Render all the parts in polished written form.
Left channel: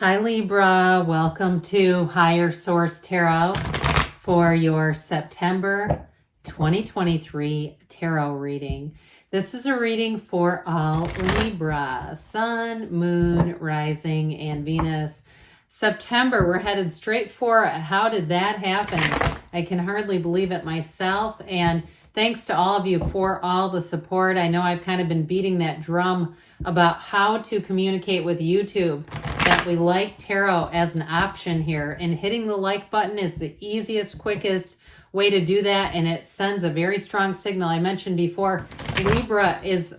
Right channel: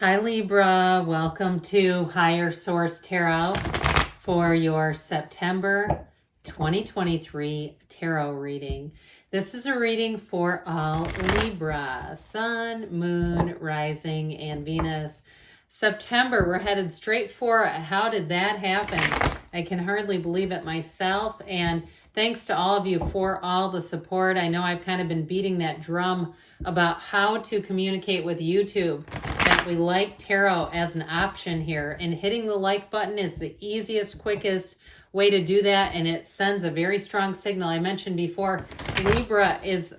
Hi Libra, welcome to Higher Source Tarot for your September 2023 tarot reading. This is a reading for all Libra, Sun, Moon, Rising, and Venus. September, we're headed straight for it. How did that happen? I can hardly believe it myself, and thanks to all of you for all the support. I know I've kind of been beating that drum about how to communicate with YouTube, that we like tarot as an option here, and hitting the like button is the easiest, quickest way to do that, and it sends a very strong signal. I mentioned before, Libra has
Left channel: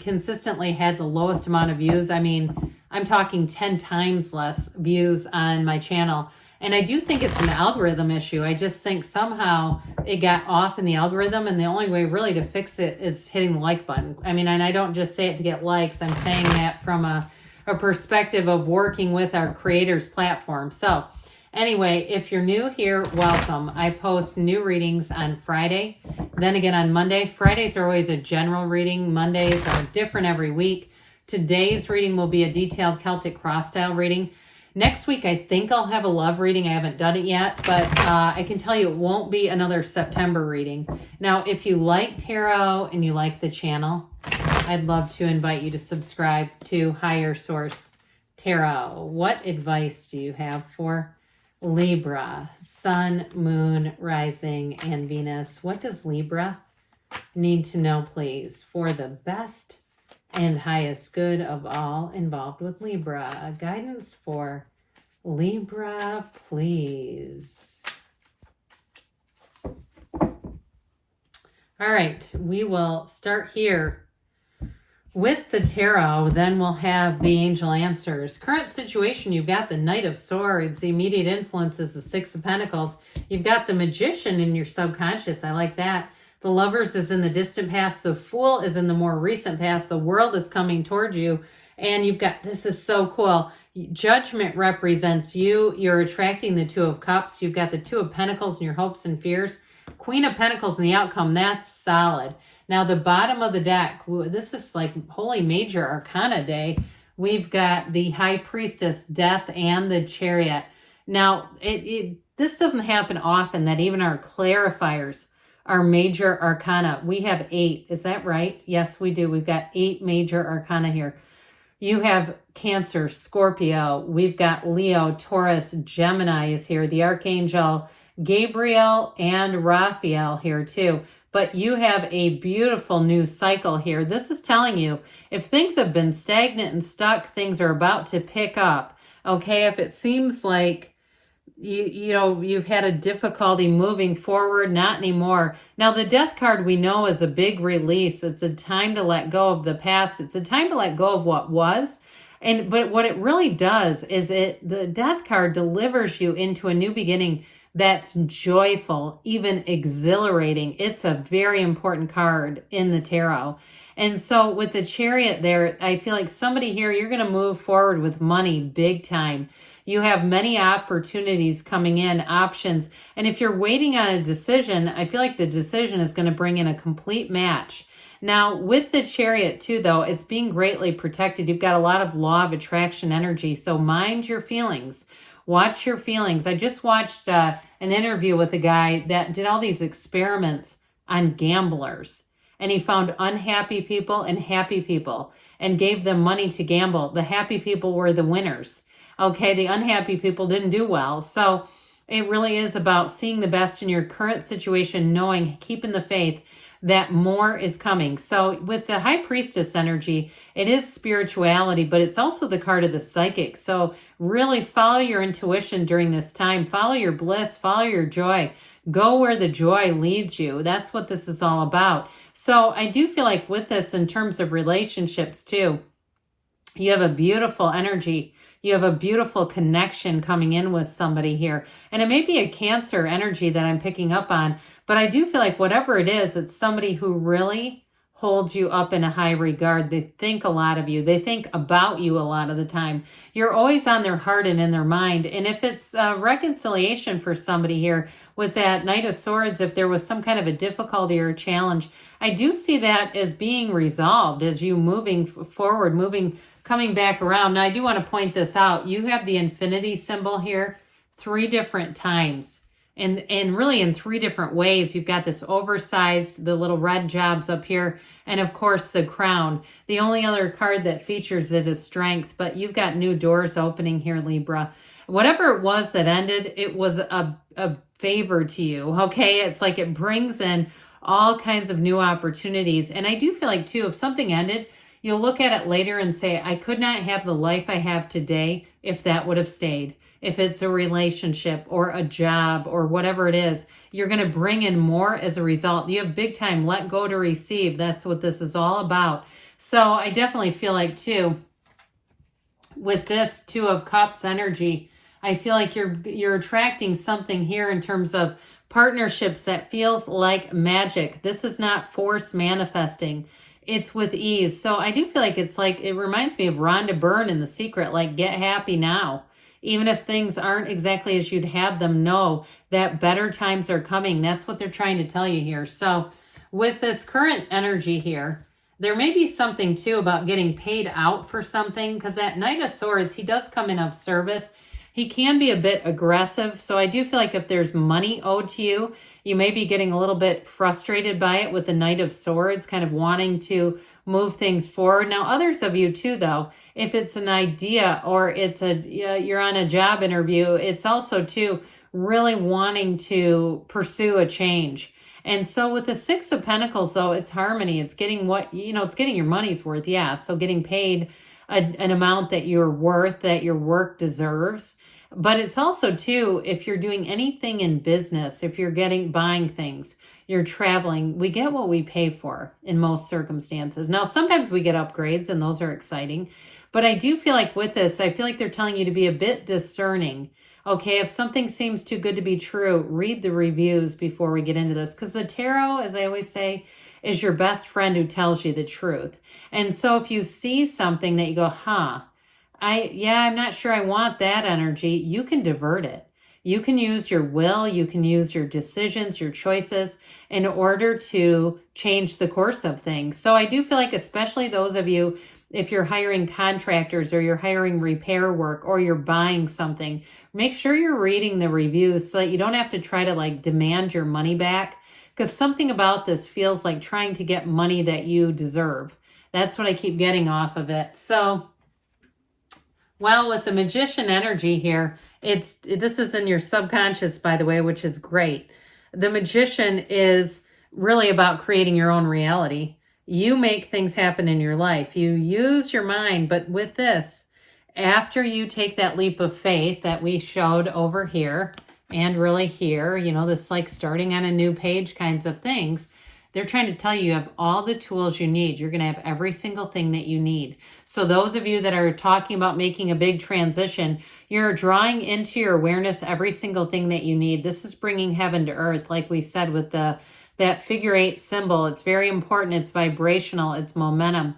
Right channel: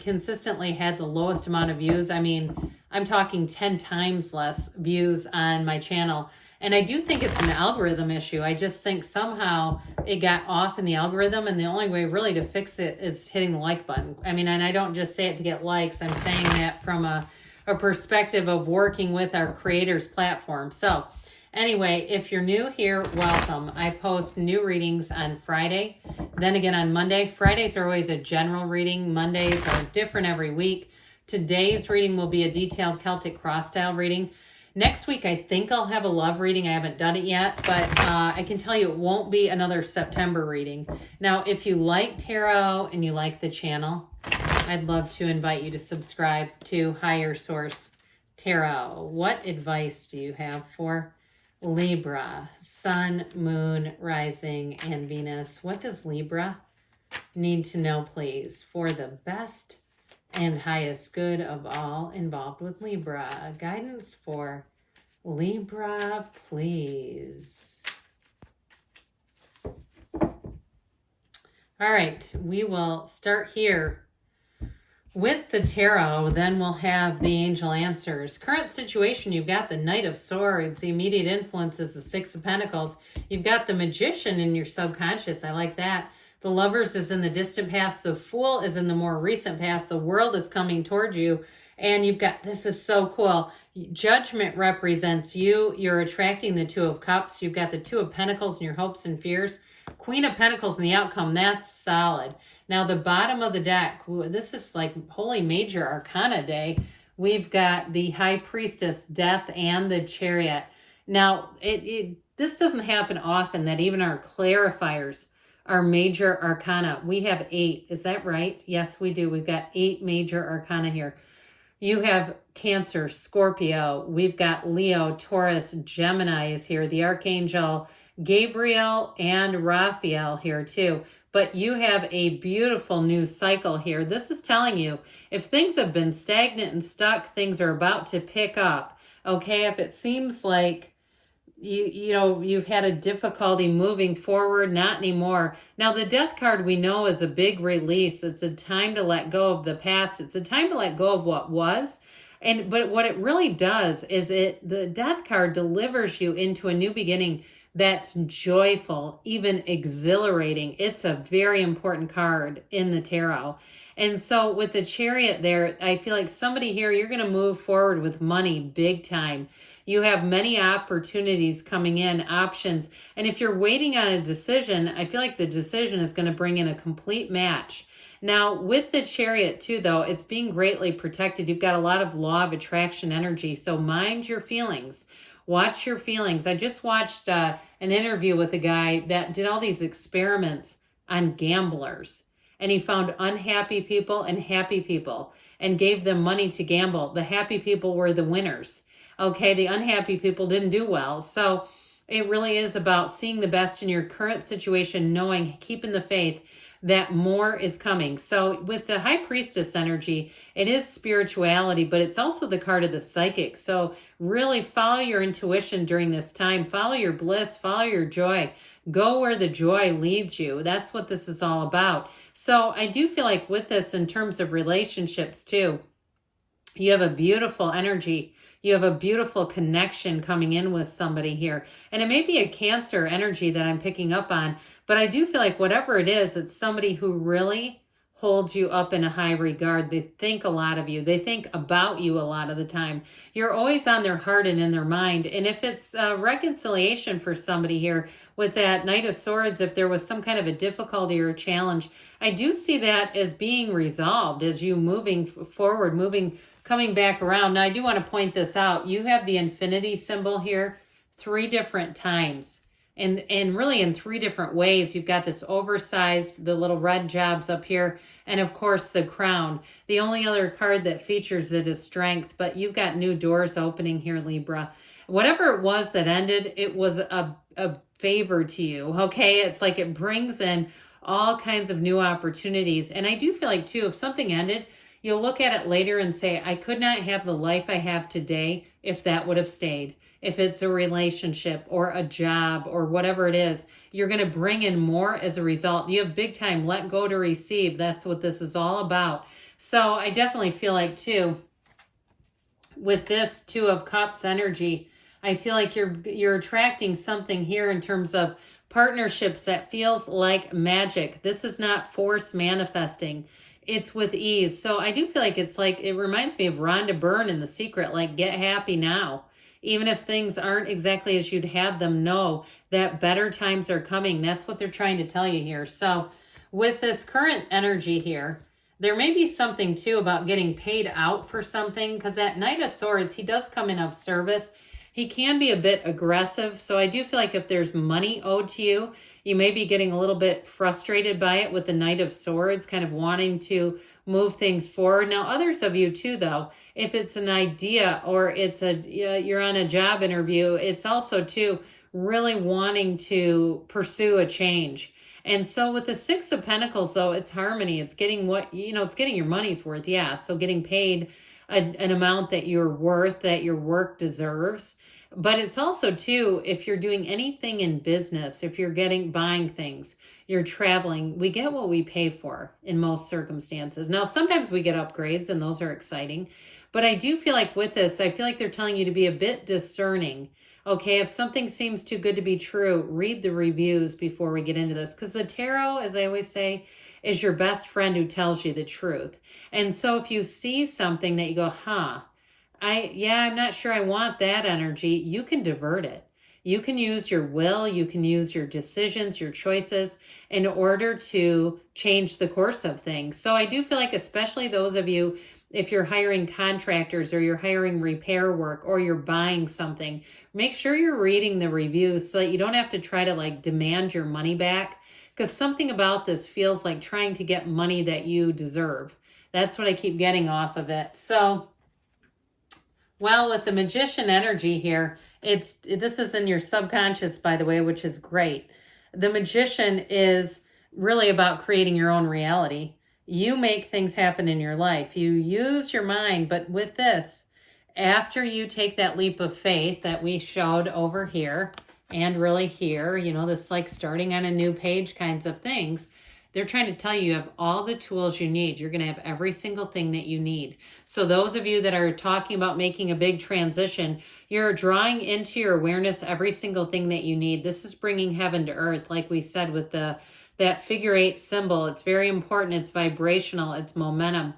consistently had the lowest amount of views. I mean, I'm talking 10 times less views on my channel. And I do think it's an algorithm issue. I just think somehow it got off in the algorithm, and the only way really to fix it is hitting the like button. I mean, and I don't just say it to get likes. I'm saying that from a perspective of working with our creators platform. So anyway, if you're new here, welcome. I post new readings on Friday, then again on Monday. Fridays are always a general reading. Mondays are different every week. Today's reading will be a detailed Celtic cross style reading. Next week, I think I'll have a love reading. I haven't done it yet, but I can tell you it won't be another September reading. Now, if you like tarot and you like the channel, I'd love to invite you to subscribe to Higher Source Tarot. What advice do you have for Libra, Sun, Moon, Rising, and Venus? What does Libra need to know, please, for the best and highest good of all involved with Libra? Guidance for Libra, please. All right, we will start here with the tarot, then we'll have the angel answers. Current situation, you've got the Knight of Swords. The immediate influence is the Six of Pentacles. You've got the Magician in your subconscious. I like that. The Lovers is in the distant past. The Fool is in the more recent past. The World is coming toward you. And you've got, this is so cool, Judgment represents you. You're attracting the Two of Cups. You've got the Two of Pentacles and your hopes and fears. Queen of Pentacles and the outcome, that's solid. Now, the bottom of the deck, this is like holy Major Arcana day. We've got the High Priestess, Death, and the Chariot. Now, this doesn't happen often that even our clarifiers are Major Arcana. We have 8. Is that right? Yes, we do. We've got 8 Major Arcana here. You have Cancer, Scorpio. We've got Leo, Taurus, Gemini is here. The Archangel Gabriel and Raphael here too. But you have a beautiful new cycle here. This is telling you if things have been stagnant and stuck, things are about to pick up. Okay, if it seems like you've had a difficulty moving forward, not anymore. Now, the Death card we know is a big release. It's a time to let go of the past. It's a time to let go of what was. But what it really does is the Death card delivers you into a new beginning that's joyful, even exhilarating. It's a very important card in the tarot. And so with the Chariot there, I feel like somebody here, you're going to move forward with money big time. You have many opportunities coming in, options. And if you're waiting on a decision, I feel like the decision is going to bring in a complete match. Now, with the Chariot too, though, it's being greatly protected. You've got a lot of law of attraction energy. So mind your feelings. Watch your feelings. I just watched an interview with a guy that did all these experiments on gamblers. And he found unhappy people and happy people and gave them money to gamble. The happy people were the winners. Okay, the unhappy people didn't do well. So it really is about seeing the best in your current situation, knowing, keeping the faith that more is coming. So with the High Priestess energy, it is spirituality, but it's also the card of the psychic. So really follow your intuition during this time. Follow your bliss, follow your joy. Go where the joy leads you. That's what this is all about. So I do feel like with this, in terms of relationships too, you have a beautiful energy. You have a beautiful connection coming in with somebody here. And it may be a Cancer energy that I'm picking up on, but I do feel like whatever it is, it's somebody who really holds you up in a high regard. They think a lot of you. They think about you a lot of the time. You're always on their heart and in their mind. And if it's reconciliation for somebody here with that Knight of Swords, if there was some kind of a difficulty or challenge, I do see that as being resolved as you moving forward, moving coming back around. Now, I do want to point this out. You have the infinity symbol here 3 different times. And really in 3 different ways. You've got this oversized, the little red jobs up here, and of course the crown. The only other card that features it is strength, but you've got new doors opening here, Libra. Whatever it was that ended, it was a favor to you, okay? It's like it brings in all kinds of new opportunities. And I do feel like, too, if something ended, you'll look at it later and say, I could not have the life I have today if that would have stayed. If it's a relationship or a job or whatever it is, you're going to bring in more as a result. You have big time let go to receive. That's what this is all about. So I definitely feel like, too, with this 2 of Cups energy, I feel like you're attracting something here in terms of partnerships that feels like magic. This is not force manifesting. It's with ease. So I do feel like it's like, it reminds me of Rhonda Byrne in The Secret, like get happy now. Even if things aren't exactly as you'd have them, know that better times are coming. That's what they're trying to tell you here. So with this current energy here, there may be something too about getting paid out for something, because that Knight of Swords, he does come in of service. He can be a bit aggressive. So I do feel like if there's money owed to you, you may be getting a little bit frustrated by it with the Knight of Swords, kind of wanting to move things forward. Now, others of you too, though, if it's an idea or it's you're on a job interview, it's also too really wanting to pursue a change. And so with the 6 of Pentacles, though, it's harmony. It's getting it's getting your money's worth. Yeah. So getting paid an amount that you're worth, that your work deserves. But it's also too, if you're doing anything in business, if you're buying things, you're traveling, we get what we pay for in most circumstances. Now, sometimes we get upgrades and those are exciting. But I do feel like with this, I feel like they're telling you to be a bit discerning. Okay, if something seems too good to be true, read the reviews before we get into this. Because the tarot, as I always say, is your best friend who tells you the truth. And so if you see something that you go, I'm not sure I want that energy, you can divert it. You can use your will, you can use your decisions, your choices in order to change the course of things. So I do feel like, especially those of you, if you're hiring contractors or you're hiring repair work or you're buying something, make sure you're reading the reviews so that you don't have to try to demand your money back, because something about this feels like trying to get money that you deserve. That's what I keep getting off of it. So, well, with the Magician energy here, this is in your subconscious, by the way, which is great. The Magician is really about creating your own reality. You make things happen in your life. You use your mind, but with this, after you take that leap of faith that we showed over here and really here, this like starting on a new page kinds of things, they're trying to tell you have all the tools you need. You're going to have every single thing that you need. So those of you that are talking about making a big transition, you're drawing into your awareness every single thing that you need. This is bringing heaven to earth, like we said with that figure 8 symbol. It's very important. It's vibrational. It's momentum.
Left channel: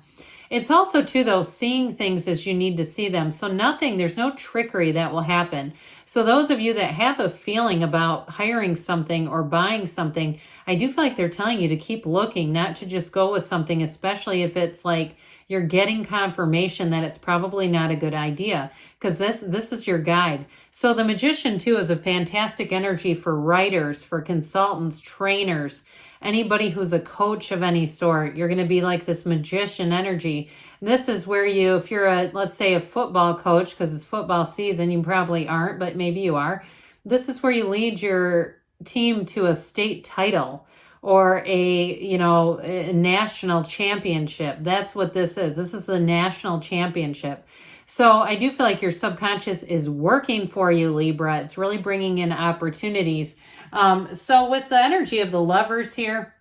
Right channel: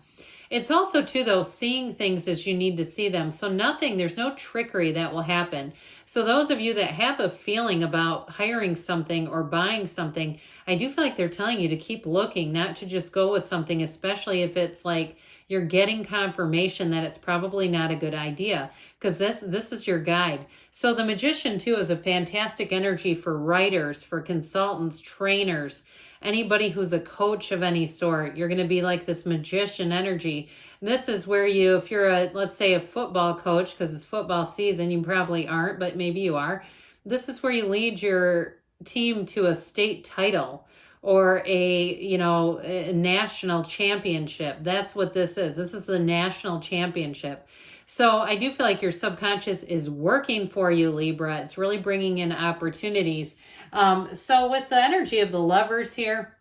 It's also, too, though, seeing things as you need to see them. So there's no trickery that will happen. So those of you that have a feeling about hiring something or buying something, I do feel like they're telling you to keep looking, not to just go with something, especially if it's like you're getting confirmation that it's probably not a good idea, because this is your guide. So the Magician, too, is a fantastic energy for writers, for consultants, trainers, anybody who's a coach of any sort. You're going to be like this Magician energy. This is where if you're let's say a football coach, because it's football season, you probably aren't, but maybe you are. This is where you lead your team to a state title or a national championship. That's what this is. This is the national championship. So I do feel like your subconscious is working for you, Libra. It's really bringing in opportunities. So with the energy of the Lovers here,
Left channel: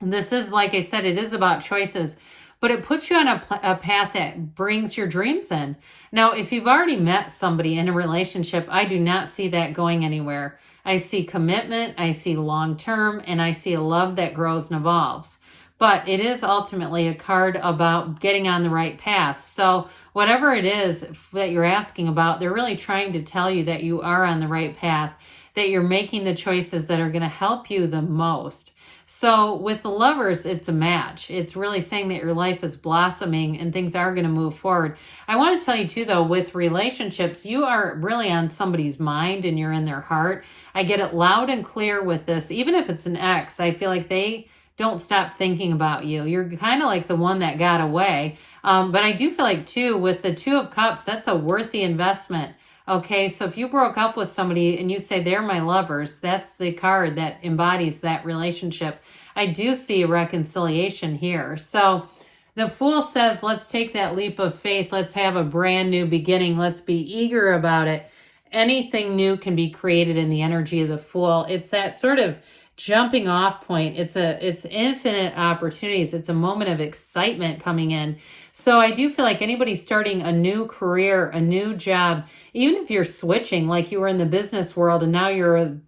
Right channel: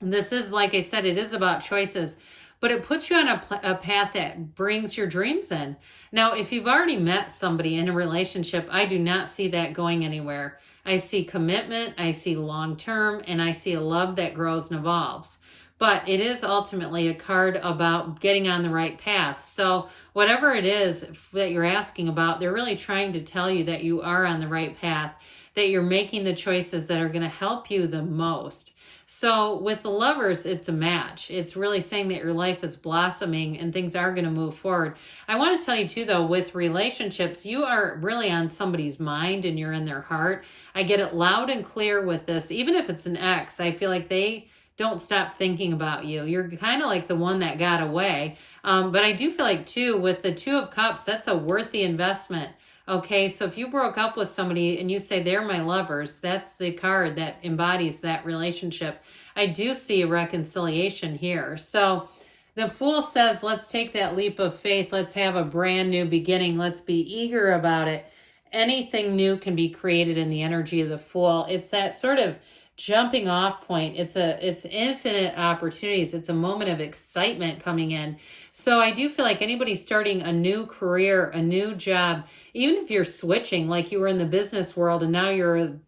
this is, like I said, it is about choices, but it puts you on a path that brings your dreams in. Now, if you've already met somebody in a relationship, I do not see that going anywhere. I see commitment, I see long-term, and I see a love that grows and evolves. But it is ultimately a card about getting on the right path. So whatever it is that you're asking about, they're really trying to tell you that you are on the right path. that you're making the choices that are going to help you the most. So with the Lovers, it's a match. It's really saying that your life is blossoming and things are going to move forward. I want to tell you too, though, with relationships, you are really on somebody's mind and you're in their heart. I get it loud and clear with this. Even if it's an ex, I feel like they don't stop thinking about you. You're kind of like the one that got away. But I do feel like too, with the Two of Cups, that's a worthy investment. Okay, so if you broke up with somebody and you say they're my lovers, that's the card that embodies that relationship. I do see a reconciliation here. So the Fool says, let's take that leap of faith. Let's have a brand new beginning. Let's be eager about it. Anything new can be created in the energy of the Fool. It's that sort of jumping off point. It's infinite opportunities. It's a moment of excitement coming in. So I do feel like anybody starting a new career, a new job, even if you're switching, like you were in the business world and now you're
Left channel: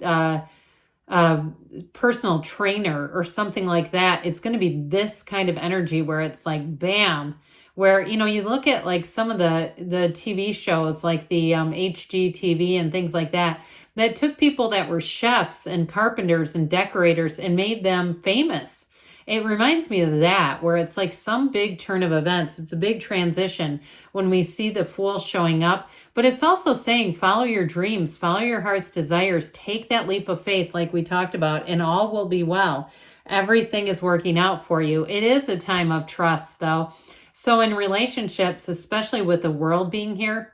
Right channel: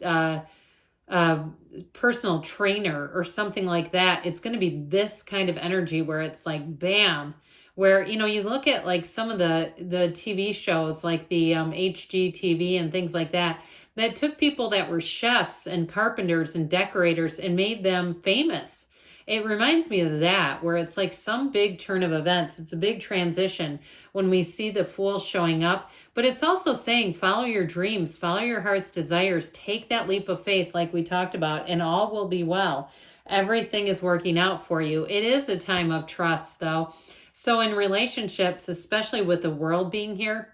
a personal trainer or something like that, it's going to be this kind of energy where it's like, bam, where, you know, you look at like some of the TV shows, like the HGTV and things like that, that took people that were chefs and carpenters and decorators and made them famous. It reminds me of that, where it's like some big turn of events. It's a big transition when we see the Fool showing up. But it's also saying, follow your dreams, follow your heart's desires, take that leap of faith like we talked about, and all will be well. Everything is working out for you. It is a time of trust, though. So in relationships, especially with the World being here,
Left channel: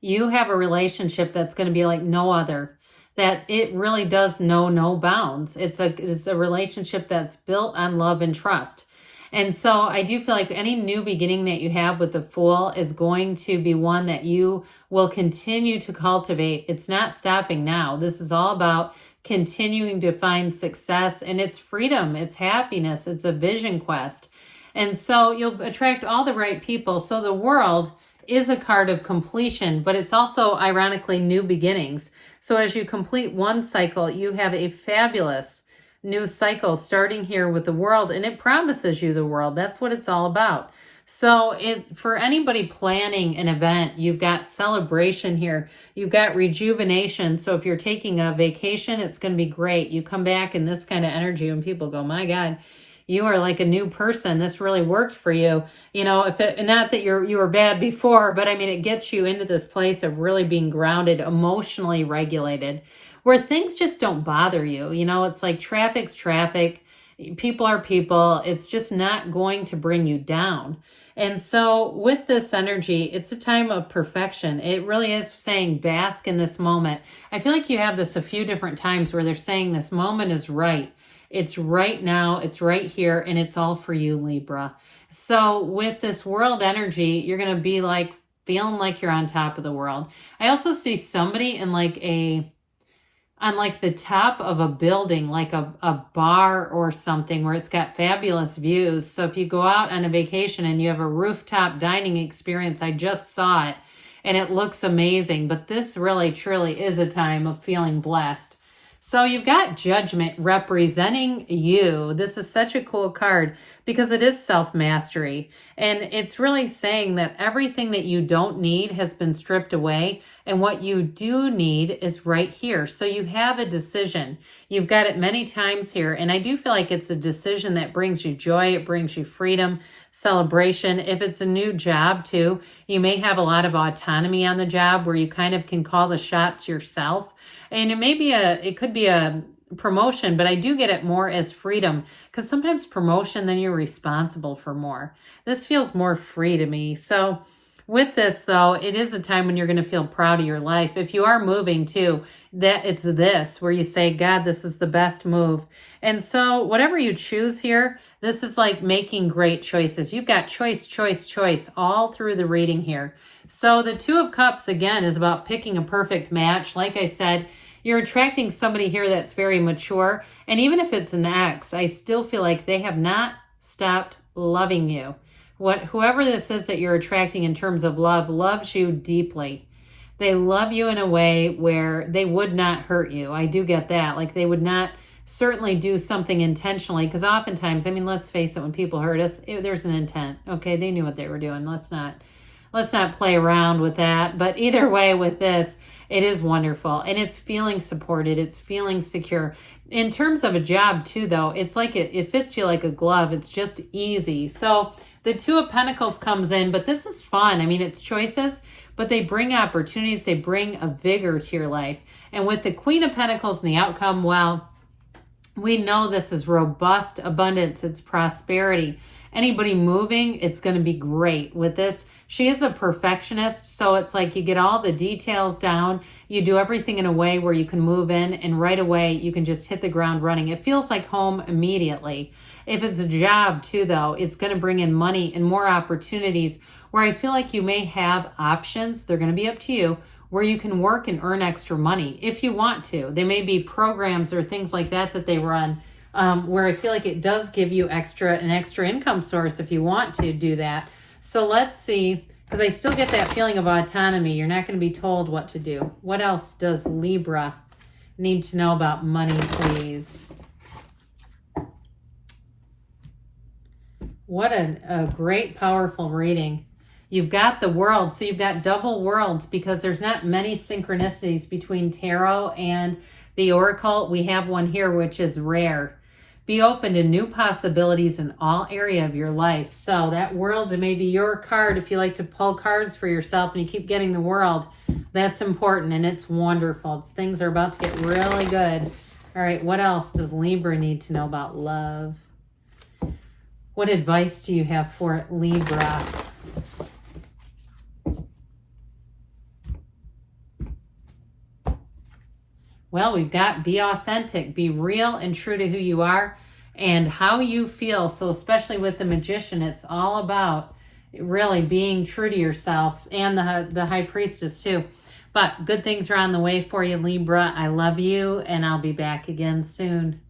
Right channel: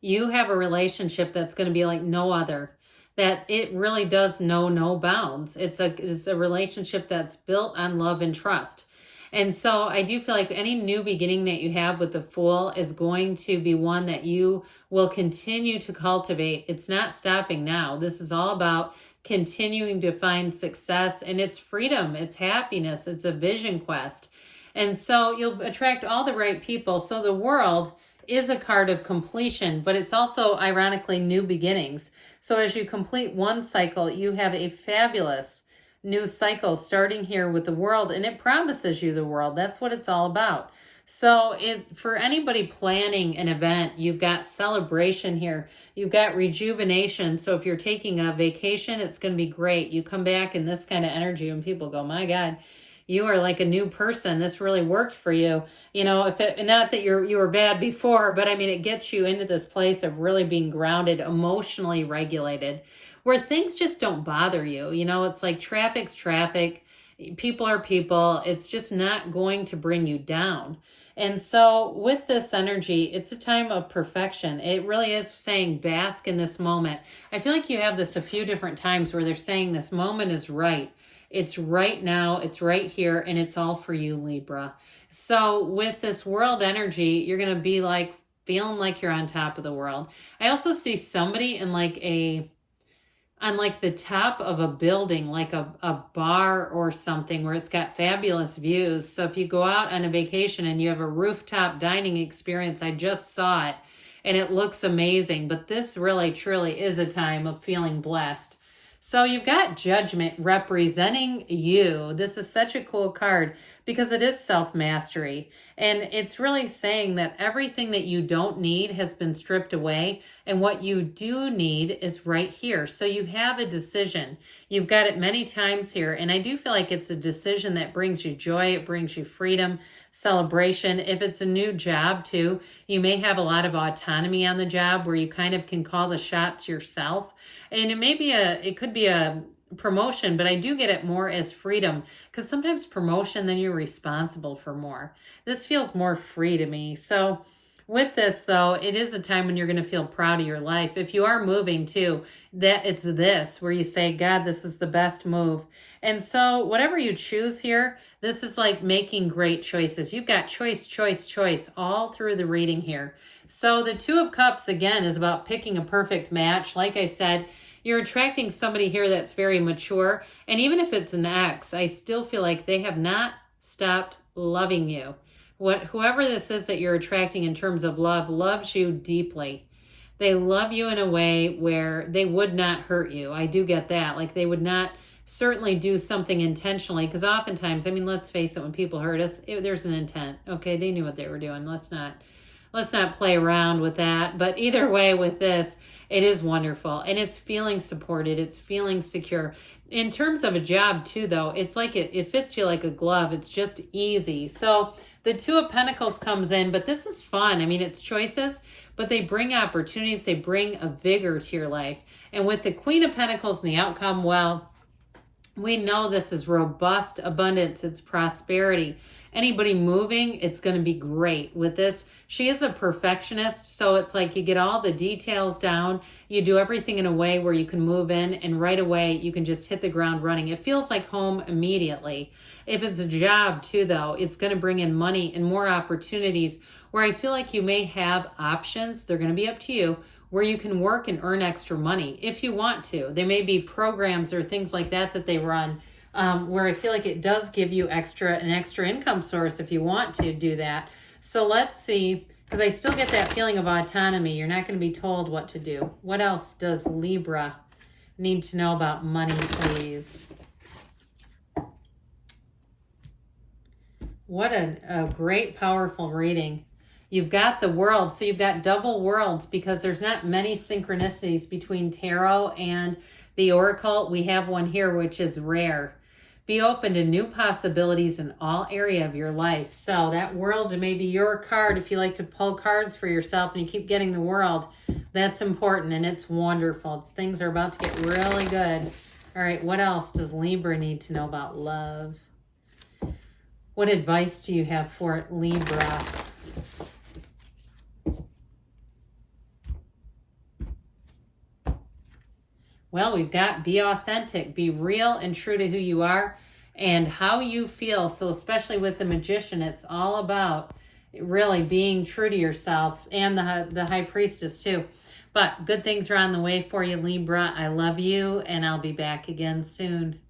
you have a relationship that's going to be like no other. That it really does know no bounds. It's a relationship that's built on love and trust. And so I do feel like any new beginning that you have with the Fool is going to be one that you will continue to cultivate. It's not stopping now. This is all about continuing to find success, and it's freedom, it's happiness, it's a vision quest. And so you'll attract all the right people. So the World is a card of completion, but it's also ironically new beginnings. So as you complete one cycle, you have a fabulous new cycle starting here with the World, and it promises you the world. That's what it's all about. So for anybody planning an event, you've got celebration here. You've got rejuvenation. So if you're taking a vacation, it's going to be great. You come back in this kind of energy and people go, my God, you are like a new person. This really worked for you. You know, not that you were bad before, but I mean, it gets you into this place of really being grounded, emotionally regulated, where things just don't bother you. You know, it's like traffic's traffic. People are people. It's just not going to bring you down. And so with this energy, it's a time of perfection. It really is saying bask in this moment. I feel like you have this a few different times where they're saying this moment is right. It's right now, it's right here, and it's all for you, Libra. So with this World energy, you're going to be like feeling like you're on top of the world. I also see somebody in like on like the top of a building, like a bar or something where it's got fabulous views. So if you go out on a vacation and you have a rooftop dining experience, I just saw it and it looks amazing. But this really, truly is a time of feeling blessed. So you've got Judgment representing you. This is such a cool card because it is self-mastery. And it's really saying that everything that you don't need has been stripped away. And what you do need is right here. So you have a decision. You've got it many times here. And I do feel like it's a decision that brings you joy. It brings you freedom, celebration. If it's a new job too, you may have a lot of autonomy on the job where you kind of can call the shots yourself. And it could be a promotion, but I do get it more as freedom because sometimes promotion, then you're responsible for more. This feels more free to me. So with this though, it is a time when you're going to feel proud of your life. If you are moving too, that it's this where you say, God, this is the best move. And so whatever you choose here, this is like making great choices. You've got choice, choice, choice all through the reading here. So the Two of Cups, again, is about picking a perfect match. Like I said, you're attracting somebody here that's very mature. And even if it's an ex, I still feel like they have not stopped loving you. Whoever this is that you're attracting in terms of love loves you deeply. They love you in a way where they would not hurt you. I do get that. Like they would not certainly do something intentionally, because oftentimes, I mean, let's face it, when people hurt us, there's an intent. Okay, they knew what they were doing. Let's not play around with that. But either way with this, It is wonderful, and it's feeling supported. It's feeling secure. In terms of a job too, though, it's like it fits you like a glove. It's just easy. So the Two of Pentacles comes in, but this is fun. I mean, it's choices, but they bring opportunities. They bring a vigor to your life. And with the Queen of Pentacles and the outcome, well, we know this is robust abundance. It's prosperity. Anybody moving, it's going to be great. With this, she is a perfectionist, so it's like you get all the details down. You do everything in a way where you can move in, and right away you can just hit the ground running. It feels like home immediately. If it's a job too, though, it's going to bring in money and more opportunities where I feel like you may have options. They're going to be up to you, where you can work and earn extra money if you want to. There may be programs or things like that that they run where I feel like it does give you an extra income source if you want to do that. So let's see, because I still get that feeling of autonomy. You're not going to be told what to do. What else does Libra need to know about money, please? What a great, powerful reading. You've got the World, so you've got double worlds because there's not many synchronicities between tarot and the oracle. We have one here, which is rare. Be open to new possibilities in all area of your life. So that World may be your card if you like to pull cards for yourself and you keep getting the World. That's important and it's wonderful. Things are about to get really good. All right, what else does Libra need to know about love? What advice do you have for it, Libra? Well, we've got be authentic, be real and true to who you are and how you feel. So especially with the Magician, it's all about really being true to yourself, and the High Priestess too. But good things are on the way for you, Libra. I love you, and I'll be back again soon.